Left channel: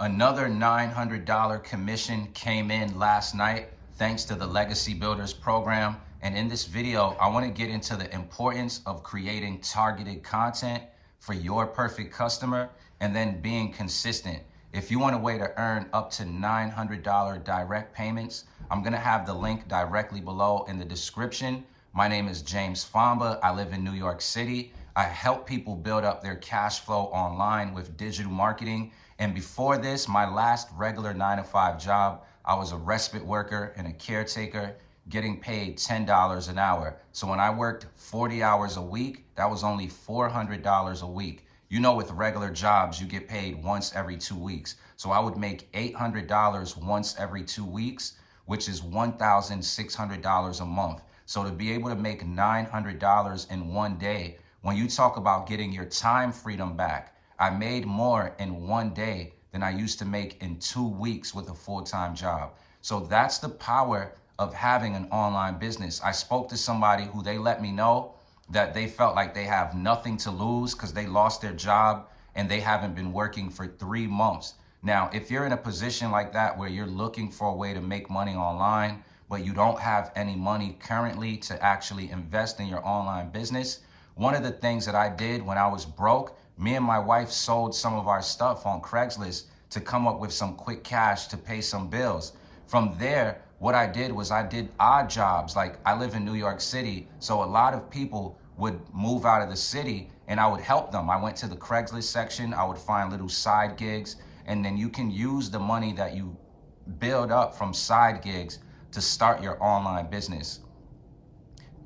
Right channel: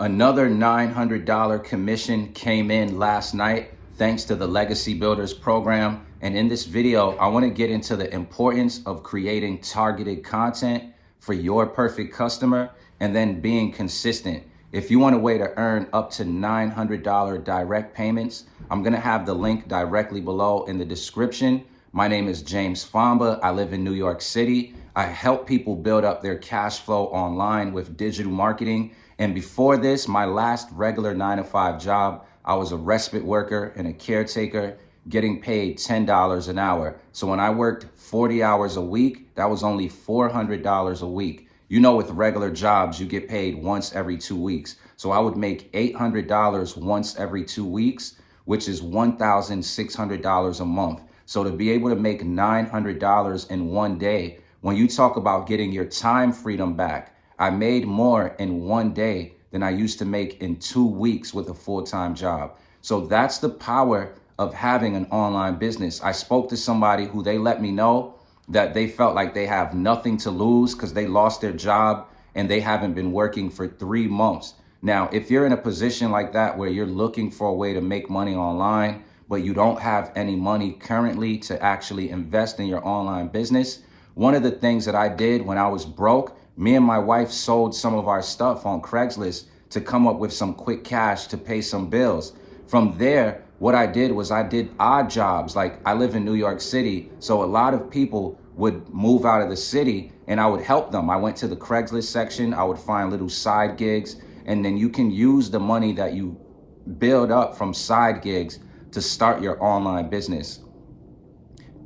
Another $900 commission came in last night thanks to the Legacy Builders program. And in this video, I want to get into the importance of creating targeted content for your perfect customer and then being consistent. If you want a way to earn up to $900 direct payments, I'm going to have the link directly below in the description. My name is James Famba. I live in New York City. I help people build up their cash flow online with digital marketing. And before this, my last regular 9-to-5 job, I was a respite worker and a caretaker getting paid $10 an hour. So when I worked 40 hours a week, that was only $400 a week. You know, with regular jobs, you get paid once every 2 weeks. So I would make $800 once every 2 weeks, which is $1,600 a month. So to be able to make $900 in one day, when you talk about getting your time freedom back, I made more in one day than I used to make in 2 weeks with a full-time job. So that's the power of having an online business. I spoke to somebody who they let me know that they felt like they have nothing to lose because they lost their job and they haven't been working for 3 months. Now, if you're in a position like that where you're looking for a way to make money online, but you don't have any money currently to actually invest in your online business, one of the things that I did when I was broke, me and my wife sold some of our stuff on Craigslist to come up with some quick cash to pay some bills. From there, what I did was I did odd jobs. Like, I live in New York City, so a lot of people would move out of the city and I would help them. I went to the Craigslist section, I would find little side gigs, and then you can use the money that you build up from side gigs to start your online business.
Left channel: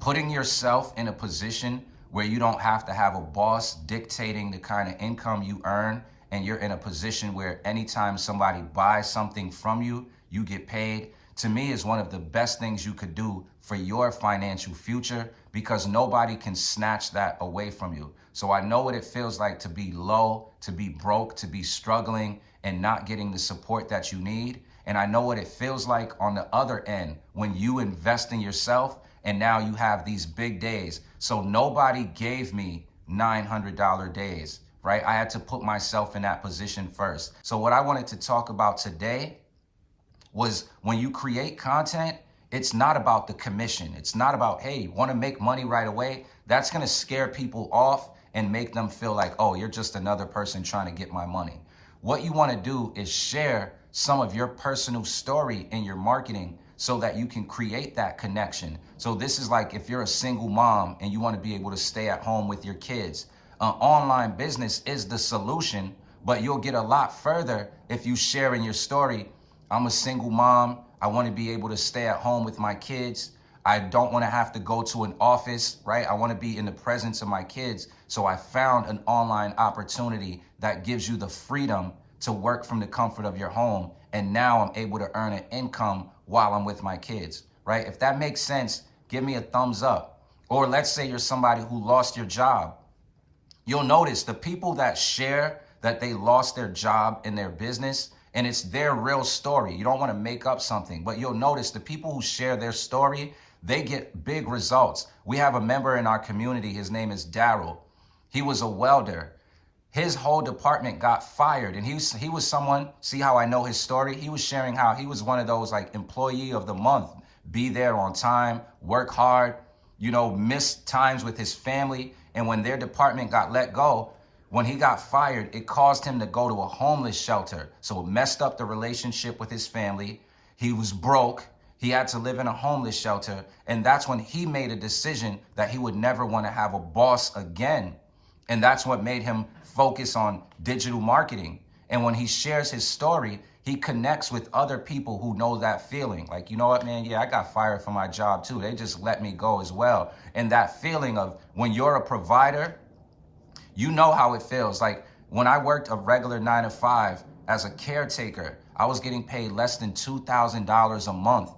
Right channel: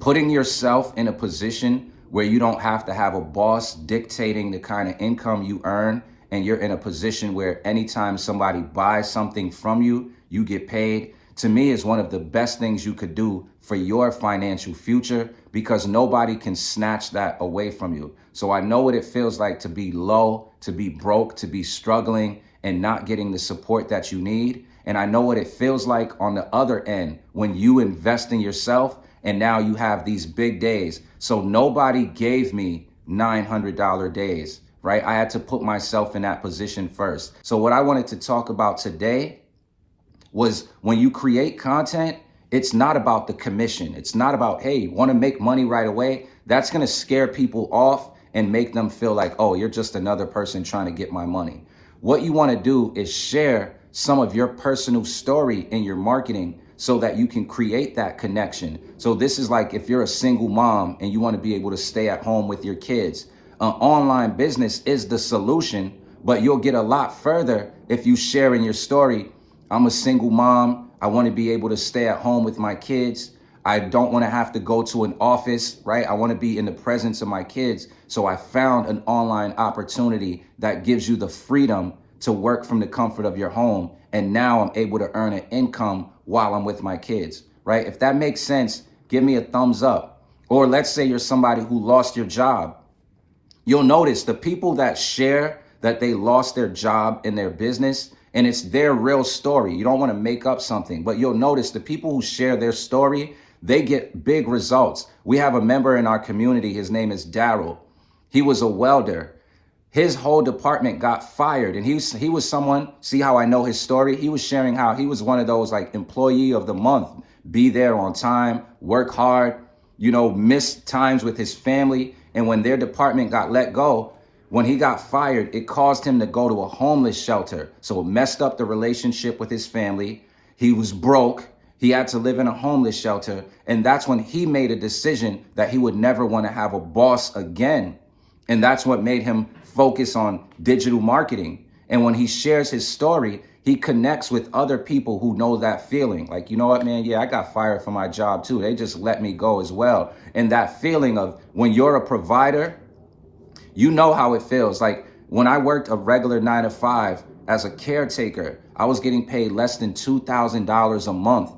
Putting yourself in a position where you don't have to have a boss dictating the kind of income you earn, and you're in a position where anytime somebody buys something from you, you get paid, to me is one of the best things you could do for your financial future, because nobody can snatch that away from you. So I know what it feels like to be low, to be broke, to be struggling and not getting the support that you need. And I know what it feels like on the other end when you invest in yourself and now you have these big days. So nobody gave me $900 days, right? I had to put myself in that position first. So what I wanted to talk about today was, when you create content, it's not about the commission. It's not about, hey, want to make money right away? That's going to scare people off and make them feel like, oh, you're just another person trying to get my money. What you want to do is share some of your personal story in your marketing so that you can create that connection. So this is like if you're a single mom and you want to be able to stay at home with your kids. An online business is the solution, but you'll get a lot further if you share in your story. I'm a single mom. I want to be able to stay at home with my kids. I don't want to have to go to an office, right? I want to be in the presence of my kids. So I found an online opportunity that gives you the freedom to work from the comfort of your home. And now I'm able to earn an income while I'm with my kids, right? If that makes sense, give me a thumbs up. Or let's say you're somebody who lost your job. You'll notice the people that share that they lost their job in their business, and it's their real story. You don't want to make up something, but you'll notice the people who share their story, they get big results. We have a member in our community. His name is Daryl. He was a welder. His whole department got fired, and he was someone, see how I know his story? He was sharing how he was one of those like employee of the month, be there on time, work hard, miss times with his family. And when their department got let go, when he got fired, it caused him to go to a homeless shelter. So it messed up the relationship with his family. He was broke. He had to live in a homeless shelter. And that's when he made a decision that he would never want to have a boss again. And that's what made him focus on digital marketing. And when he shares his story, he connects with other people who know that feeling. Like, you know what, man? Yeah, I got fired from my job too. They just let me go as well. And that feeling of when you're a provider, you know how it feels. Like when I worked a regular 9-to-5 as a caretaker, I was getting paid less than $2,000 a month.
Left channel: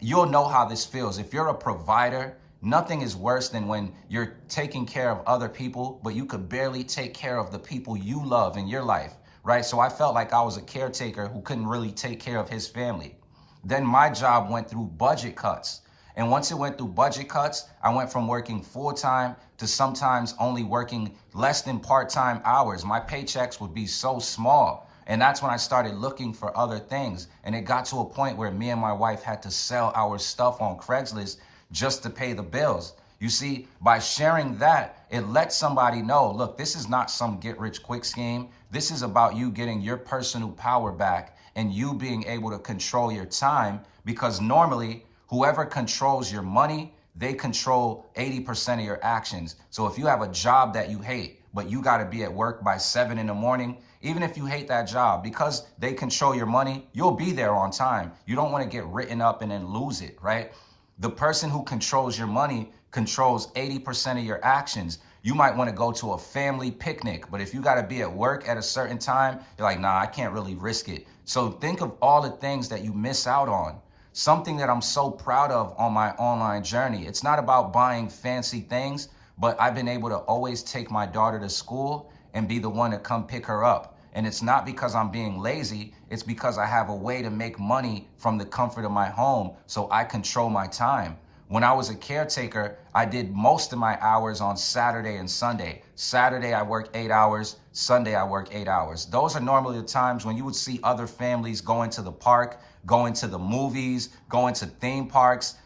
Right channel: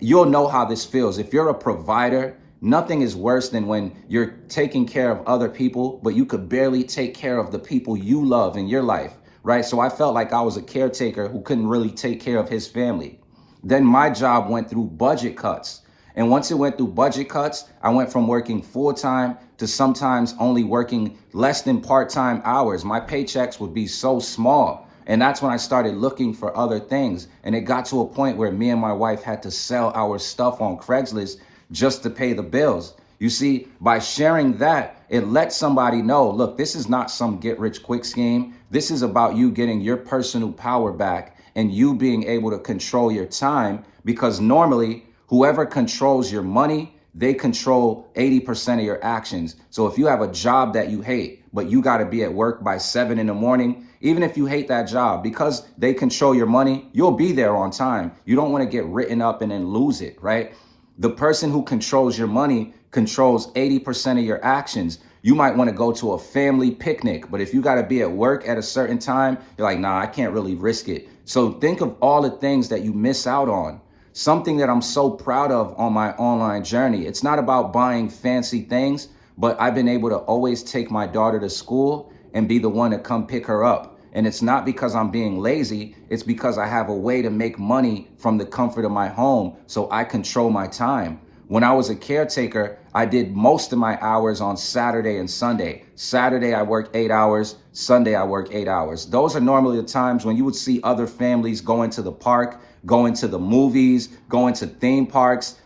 You'll know how this feels. If you're a provider, nothing is worse than when you're taking care of other people, but you could barely take care of the people you love in your life, right? So I felt like I was a caretaker who couldn't really take care of his family. Then my job went through budget cuts. And once it went through budget cuts, I went from working full-time to sometimes only working less than part-time hours. My paychecks would be so small, And that's when I started looking for other things. And it got to a point where me and my wife had to sell our stuff on Craigslist just to pay the bills. You see, by sharing that, it lets somebody know, look, this is not some get rich quick scheme. This is about you getting your personal power back and you being able to control your time, because normally whoever controls your money, they control 80% of your actions. So if you have a job that you hate, but you got to be at work by 7 in the morning, even if you hate that job, because they control your money, you'll be there on time. You don't want to get written up and then lose it, right? The person who controls your money controls 80% of your actions. You might want to go to a family picnic, but if you got to be at work at a certain time, you're like, nah, I can't really risk it. So think of all the things that you miss out on. Something that I'm so proud of on my online journey. It's not about buying fancy things, but I've been able to always take my daughter to school and be the one to come pick her up. And it's not because I'm being lazy. It's because I have a way to make money from the comfort of my home, so I control my time. When I was a caretaker, I did most of my hours on Saturday and Sunday. Saturday, I worked 8 hours. Sunday, I work 8 hours. Those are normally the times when you would see other families going to the park, going to the movies, going to theme parks,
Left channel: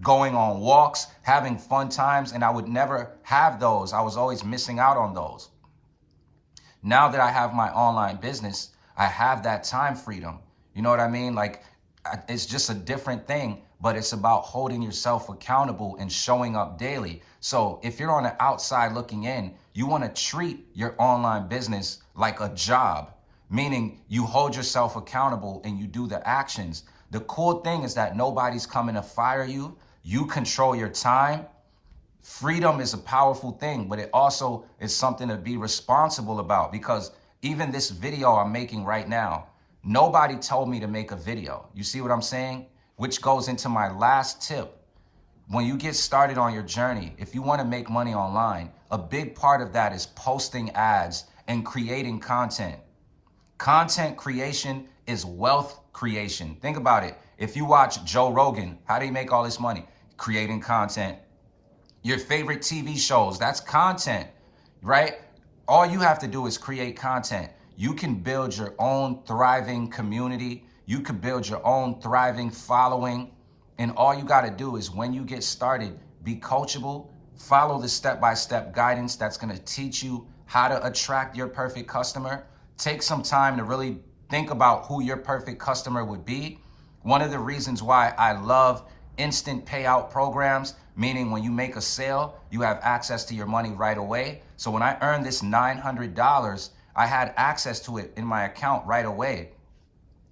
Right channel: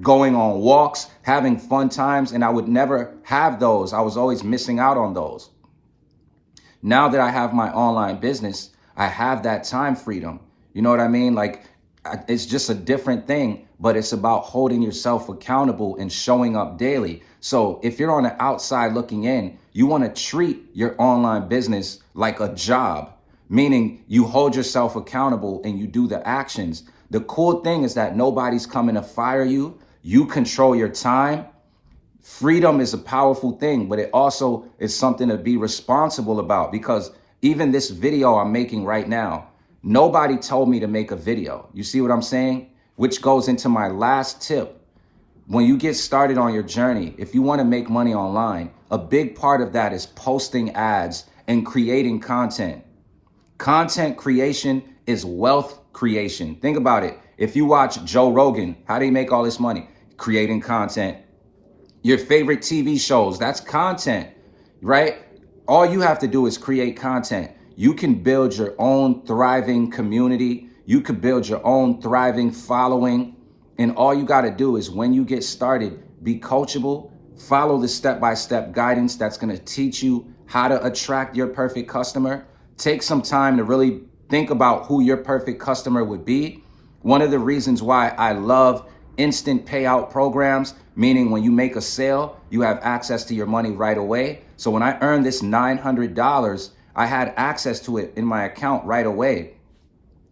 going on walks, having fun times. And I would never have those. I was always missing out on those. Now that I have my online business, I have that time freedom. You know what I mean? Like, it's just a different thing, but it's about holding yourself accountable and showing up daily. So if you're on the outside looking in, you want to treat your online business like a job, meaning you hold yourself accountable and you do the actions. The cool thing is that nobody's coming to fire you. You control your time. Freedom is a powerful thing, but it also is something to be responsible about, because even this video I'm making right now, nobody told me to make a video. You see what I'm saying? Which goes into my last tip. When you get started on your journey, if you want to make money online, a big part of that is posting ads and creating content. Content creation is wealth creation. Think about it. If you watch Joe Rogan, how do you make all this money? Creating content. Your favorite TV shows, that's content, right? All you have to do is create content. You can build your own thriving community. You could build your own thriving following. And all you got to do is, when you get started, be coachable, follow the step-by-step guidance that's going to teach you how to attract your perfect customer. Take some time to really think about who your perfect customer would be. One of the reasons why I love instant payout programs, meaning when you make a sale, you have access to your money right away. So when I earned this $900, I had access to it in my account right away,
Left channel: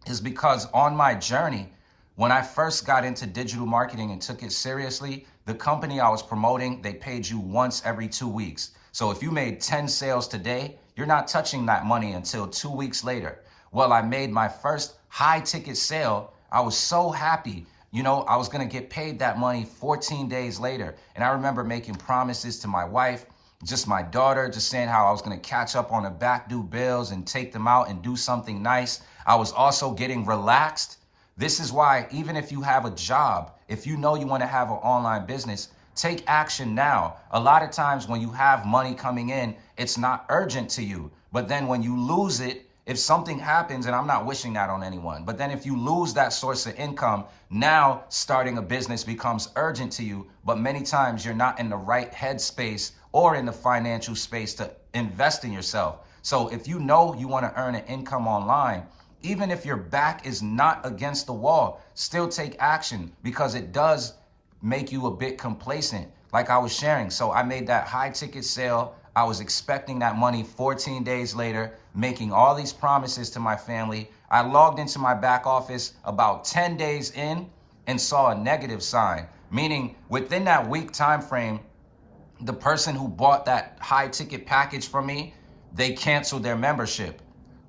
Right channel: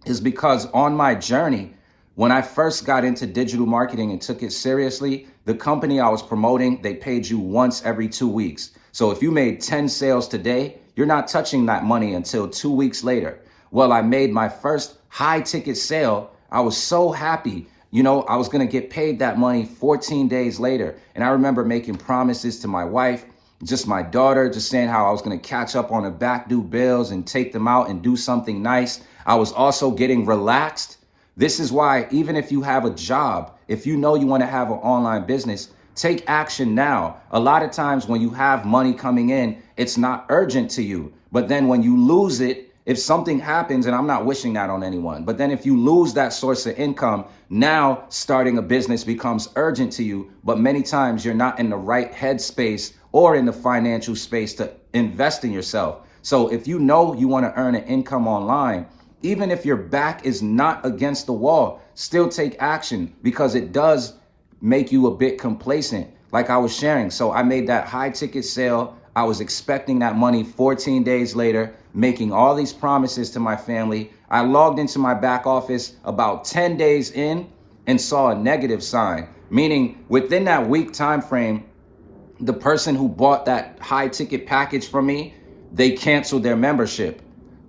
is because on my journey, when I first got into digital marketing and took it seriously, the company I was promoting, they paid you once every 2 weeks. So if you made 10 sales today, you're not touching that money until 2 weeks later. Well, I made my first high ticket sale. I was so happy. You know, I was going to get paid that money 14 days later. And I remember making promises to my wife, just my daughter, just saying how I was going to catch up on the back due bills and take them out and do something nice. I was also getting relaxed. This is why, even if you have a job, if you know you want to have an online business, take action now. A lot of times when you have money coming in, it's not urgent to you. But then when you lose it, if something happens, and I'm not wishing that on anyone, but then if you lose that source of income, now starting a business becomes urgent to you. But many times you're not in the right headspace or in the financial space to invest in yourself. So if you know you want to earn an income online, even if your back is not against the wall, still take action, because it does make you a bit complacent, like I was sharing. So I made that high ticket sale. I was expecting that money 14 days later, making all these promises to my family. I logged into my back office about 10 days in and saw a negative sign, meaning within that week time frame, the person who bought that high ticket package from me, they canceled their membership.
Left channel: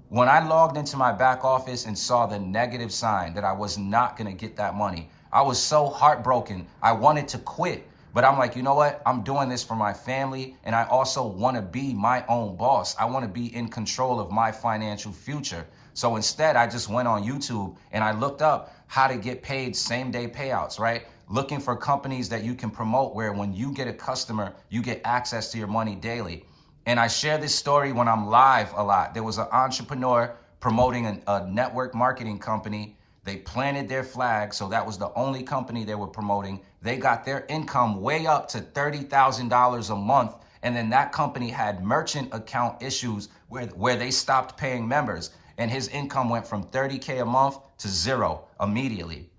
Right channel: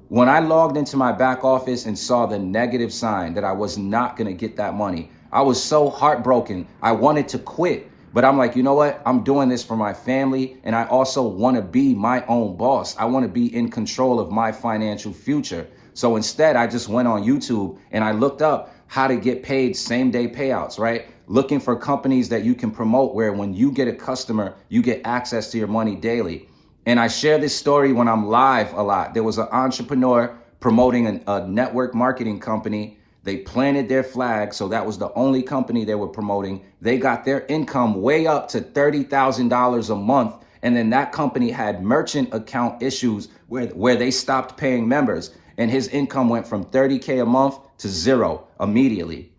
When I logged into my back office and saw the negative sign that I was not going to get that money, I was so heartbroken. I wanted to quit, but I'm like, you know what? I'm doing this for my family, and I also want to be my own boss. I want to be in control of my financial future. So instead, I just went on YouTube and I looked up how to get paid same-day payouts, right? Looking for companies that you can promote where when you get a customer, you get access to your money daily. And I share this story when I'm live a lot. There was an entrepreneur promoting a network marketing company. They planted their flag, so that was the only company they were promoting. They got their income way up to $30,000 a month. And then that company had merchant account issues where they stopped paying members. And his income went from 30K a month to zero immediately.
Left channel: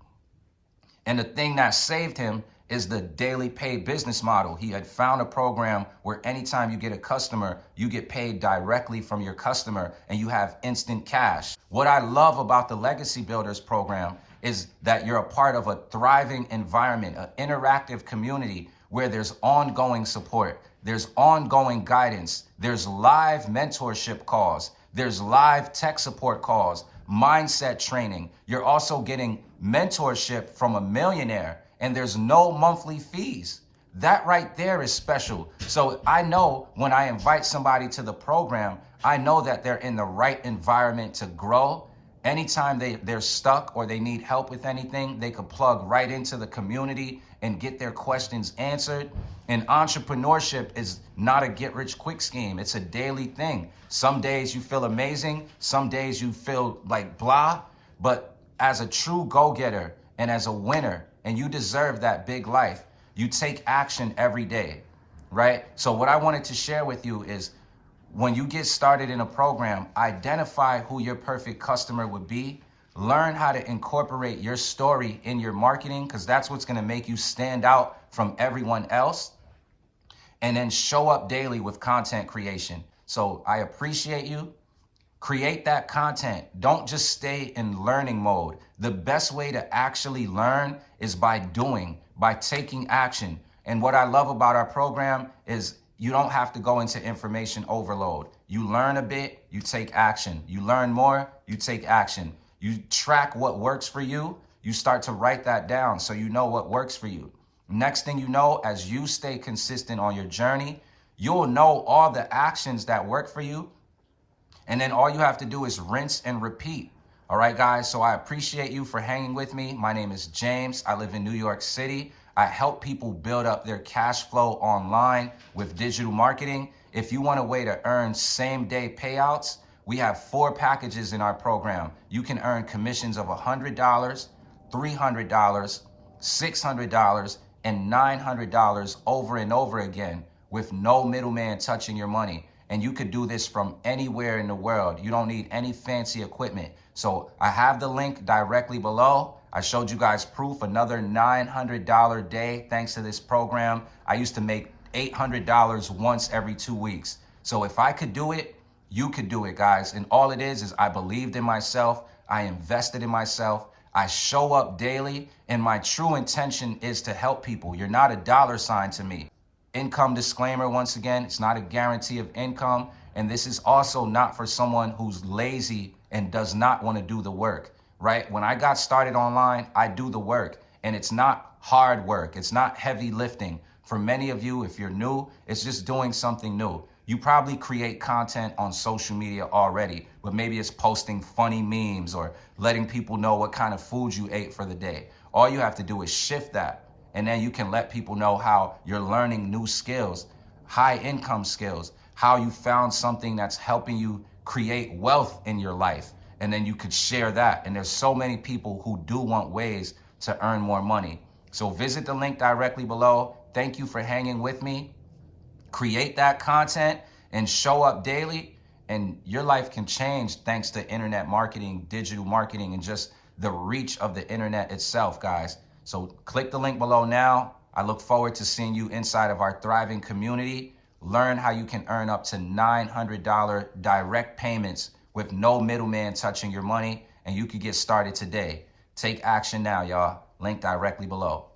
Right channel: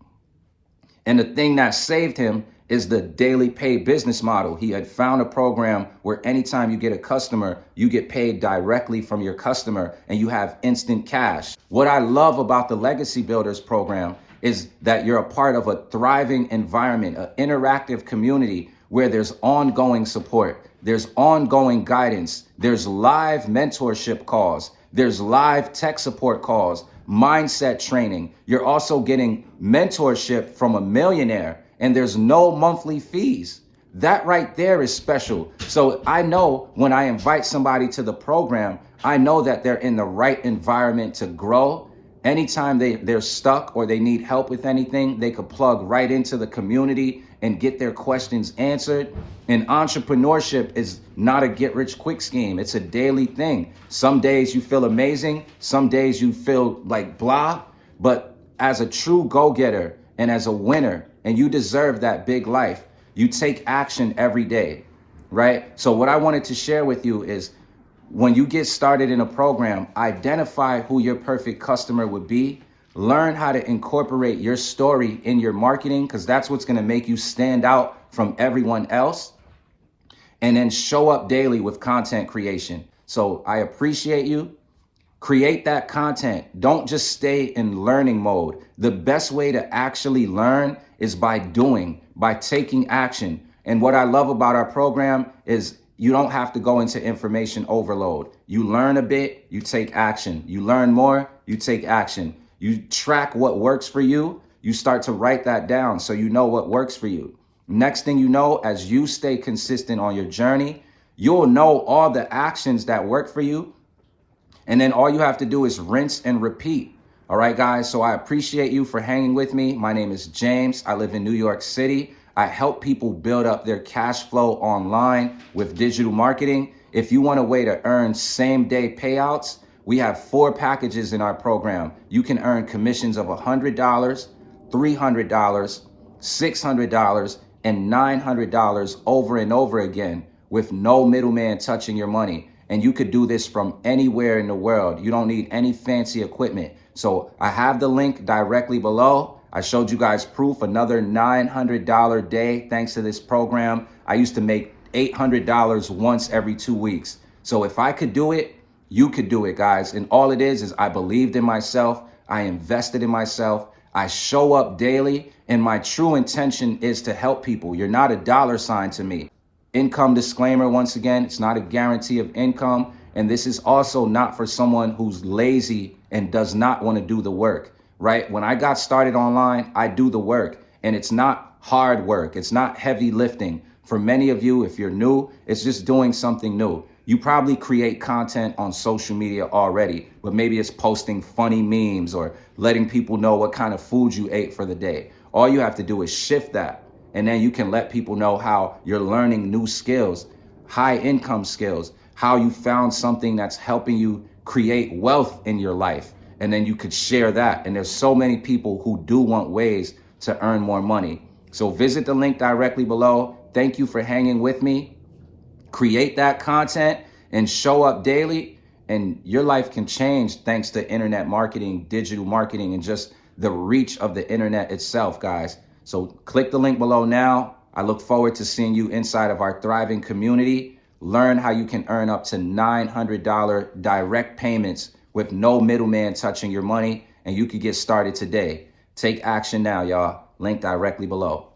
And the thing that saved him is the daily pay business model. He had found a program where anytime you get a customer, you get paid directly from your customer and you have instant cash. What I love about the Legacy Builders program is that you're a part of a thriving environment, an interactive community where there's ongoing support, there's ongoing guidance, there's live mentorship calls, there's live tech support calls, mindset training. You're also getting mentorship from a millionaire, and there's no monthly fees. That right there is special. So I know when I invite somebody to the program, I know that they're in the right environment to grow. Anytime they're stuck or they need help with anything, they could plug right into the community and get their questions answered. And entrepreneurship is not a get-rich-quick scheme. It's a daily thing. Some days you feel amazing. Some days you feel like blah. But as a true go-getter and as a winner, and you deserve that big life, you take action every day, right? So what I wanted to share with you is when you get started in a program, identify who your perfect customer would be. Learn how to incorporate your story in your marketing, because that's what's going to make you stand out from everyone else. And then show up daily with content creation. So I appreciate you. Create that content. Don't just stay in learning mode. The best way to actually learn is by doing, by taking action. And what I love about our program is you don't have to go into information overload. You learn a bit, you take action. You learn more, you take action. You track what works for you. You start to write that down so you know what works for you. Next thing you know, as you stay consistent on your journey, you'll know all the actions that work for you. And then all you have to do is rinse and repeat. All right, guys. So I appreciate you for hanging with me. My name is James. I live in New York City. I help people build up their cash flow online with digital marketing. If you want a way to earn same-day payouts, we have 4 packages in our program. You can earn commissions of $100, $300, $600, and $900 over and over again with no middleman touching your money. And you could do this from anywhere in the world. You don't need any fancy equipment. So I have the link directly below. I showed you guys proof, another $900 day thanks to this program. I used to make $800 once every 2 weeks. So if I could do it, you could do it, guys. And all it is I believed in myself. I invested in myself. I show up daily, and my true intention is to help people. You're not a dollar sign to me. Income disclaimer, once again, it's not a guarantee of income. And this is also not for someone who's lazy and does not want to do the work, right? When I got started online, I do the work, and it's not hard work. It's not heavy lifting. For many of you, if you're new, it's just doing something new. You probably create content on social media already, but maybe it's posting funny memes or letting people know what kind of food you ate for the day. All you have to do is shift that, and then you can let people know how you're learning new skills, high income skills, how you found something that's helping you create wealth in your life. And then you could share that. And there's so many people who do want ways to earn more money. So visit the link directly below. Thank you for hanging with me. Create that content and show up daily, and your life can change thanks to internet marketing, digital marketing, and just the reach of the internet itself, guys. So click the link below now. I look forward to seeing you inside of our thriving community. Learn how you can earn up to $900 direct payments with no middleman touching your money, and you can get started today. Take action now, y'all. Link directly below.